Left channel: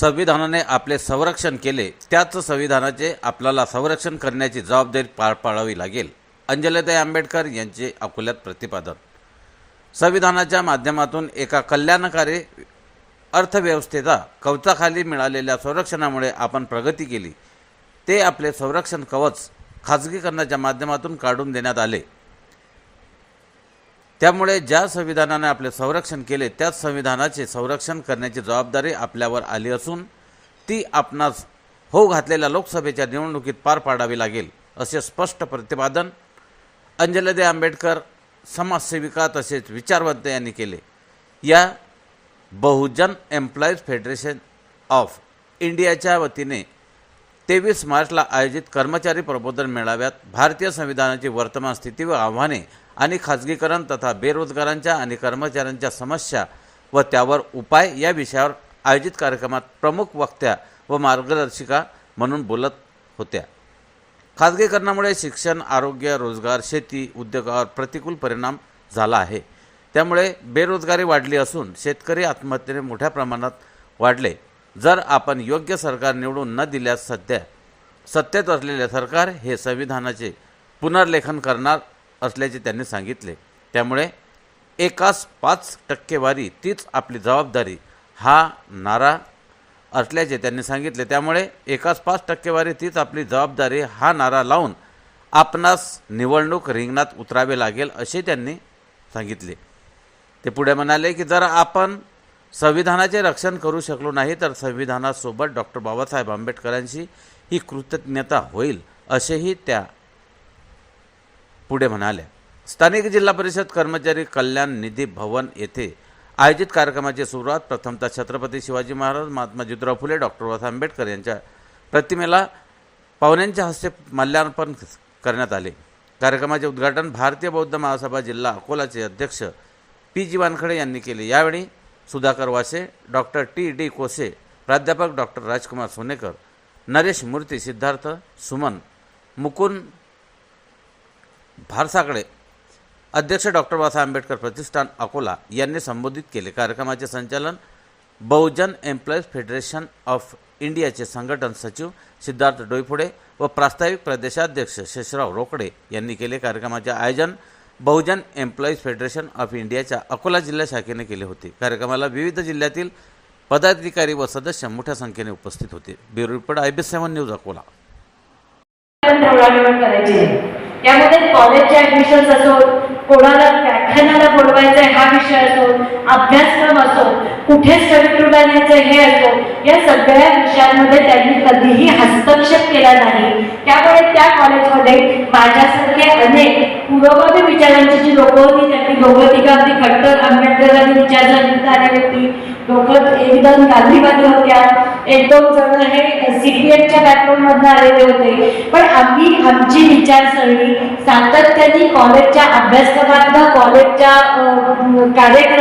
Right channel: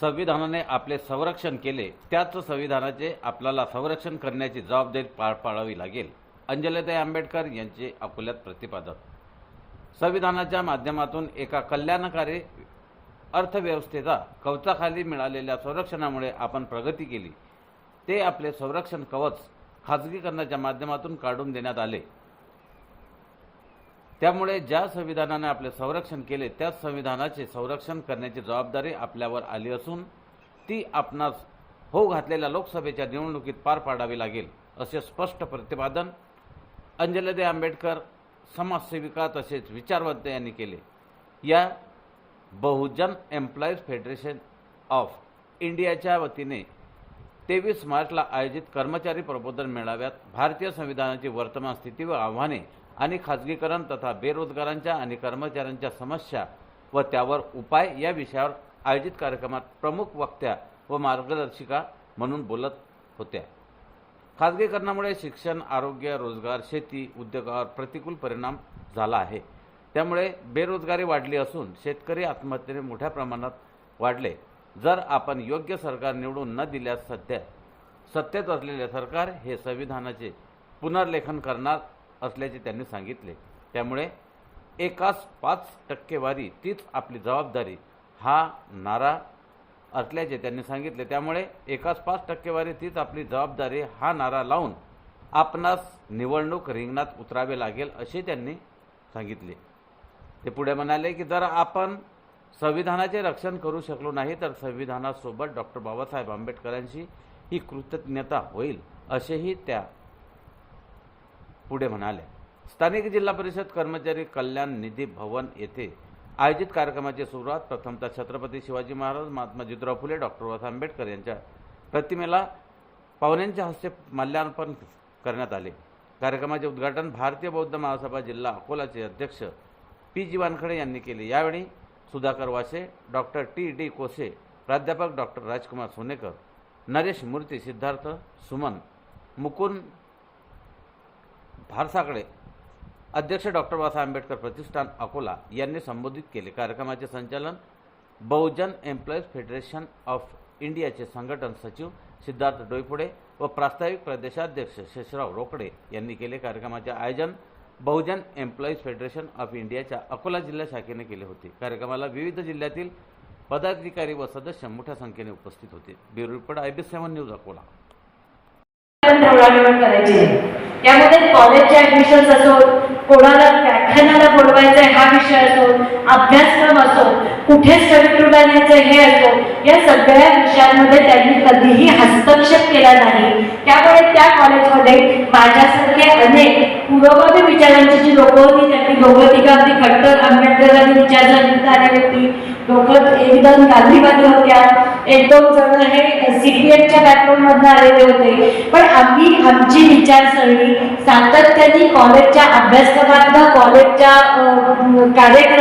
संविधानाने आपले संरक्षण केले त्याच संविधानाचे आपल्याला संरक्षण करण्याची जबाबदारी पार पाडावी लागेल अंजलीताई आंबेडकर यांचे अकोल्यात प्रतिपादन. संविधानाच्या माध्यमातून एका कल्याणकारी अर्थव्यवस्थेचा कवचाखाली मिळालेल्या संरक्षणामुळे आपण प्रगती केली. ते आपले संरक्षण कवच खाजगीकरणाच्या माध्यमातून काढून देण्यात आले. त्यामुळे ज्या संविधानाने आपले संरक्षण केले त्याच संविधानाचे संरक्षण करण्याची जबाबदारी आपल्यावर आली असून ती आपणास होऊ घातलेल्या लोकसभेच्या निवडणुकीत पार पाडावी लागेल असे स्पष्ट प्रतिपादन अंजलदे आंबेडकर समाजसेविका तसेच विचारवंत यांनी केले. या बहुजन एम्प्लॉईज फेडरेशन ऑफ इंडियाच्या वतीने तेवीस मार्चला आयोजित कर्मचारी प्रबोधन मेळाव्यात भारतीय संविधानाची वर्तमान स्थिती व आव्हाने आणि खाजगीकरण तथा बेरोजगारांच्या आणि कर्मचाऱ्यांच्या समस्या व त्यावर उपाय या विषयावर आयोजित कार्यक्रमात प्रमुख वक्त्या व मार्गदर्शिका म्हणून बोलत होत्या. खाजगीकरणामुळे शिक्षण आरोग्य रोजगार शेती उद्योगावर प्रतिकूल परिणाम झाला आहे. त्यामुळे बेरोजगारी वाढली असून शेतकरी आत्महत्येने मोठ्या प्रमाणात वाढले. जर आपण योग्य सरकार निवडून न दिल्यास सध्या सत्तेत असलेले सरकार हे संविधानाचे पुनर्लेखन करणार असल्याचे त्यांनी सांगितले. त्यामुळे एकाच पाच टक्केवारी तीच आपली जबाबदारी हा नारा असल्याचे त्यांनी सांगितले. त्यामुळे एकाच पाच टक्केवारी तीच आपली जबाबदारी हा नारा लावून आपणास निवडणूक रिंगणात उतरावे लागेल असे त्यांनी सांगितले. ते पुढे म्हणाले की जर आपण संविधानाचे रक्षण करू शकलो नाही तर संविधानासोबत डॉक्टर बाबासाहेब आंबेडकरांशी ही कृतज्ञता होईल असेही त्या पुढे म्हणाल्या स्थानिक जिल्हा परिषद कर्मचारी कल्याण निधी भवन येथे आयोजित कार्यक्रमाची सुरुवात प्रथमतः छत्रपती शिवाजी महाराज महात्मा ज्योतिराव फुले डॉक्टर बाबासाहेब आंबेडकर यांच्या प्रतिमेला पाहुण्यांच्या हस्ते माल्यार्पण करण्यात आले. कार्यक्रमाचे उद्घाटन भारतीय बौद्ध महासभा जिल्हा अकोलाचे अध्यक्ष पी जी वानखडे यांनी केले. यावेळी Sudhakar Wase doctor T D Kose प्राध्यापक डॉक्टर राजकुमार सोनेकर नरेश मूर्ती सिद्धार्थ सुमन मुकुंद भारसाकडे अध्यक्ष डॉक्टर बाबासाहेब आंबेडकर प्रतिष्ठान अकोला यांनी संबोधित केले. कार्यक्रमाचे संचालन बहुजन एम्प्लॉईज फेडरेशन ऑफ इंडियाचे संघटन सचिव सिद्धार्थ डोईफुडे व प्रास्ताविक प्रदेशाध्यक्ष शेषराव रोकडे यांनी केले. कार्यक्रमाचे आयोजन बहुजन एम्प्लॉईज फेडरेशन ऑफ इंडियाच्या अकोला जिल्हा शाखेने केले होते. कार्यक्रमाला विविध जिल्ह्यातील पदाधिकारी व सदस्य मोठ्या संख्येने उपस्थित होते. Bureau report I B seven news Akola. त्यामध्ये कॉलेजचे ऍडमिशन्स असो कोणाला व्याख्यानाला बोलवायचं हा विषय असो अभ्यासक्रम असो कुठे स्टडी टूरला न्यायचं हे असो या सगळ्या विषयांमध्ये त्यांनी कधीही हस्तक्षेप केला नाही. त्यामुळे त्या कॉलेजमध्ये माझ्यासारखे अनेक पुरोगामी विचारांची जी लोक होती त्यांनी दोघं तिघं अगदी खट्टर आंबेडकरांनी विचारधारा व्यक्ती लोक एकदम गांधीवादी होत्या. एक दोन जण हे सीपीएफच्या बॅकग्राऊंड आलेले होते. पण आम्ही आमची विचारसरणी सातत्याने कॉलेजच्या अभ्यासक्रमात कॉलेजच्या कार्यक्रमात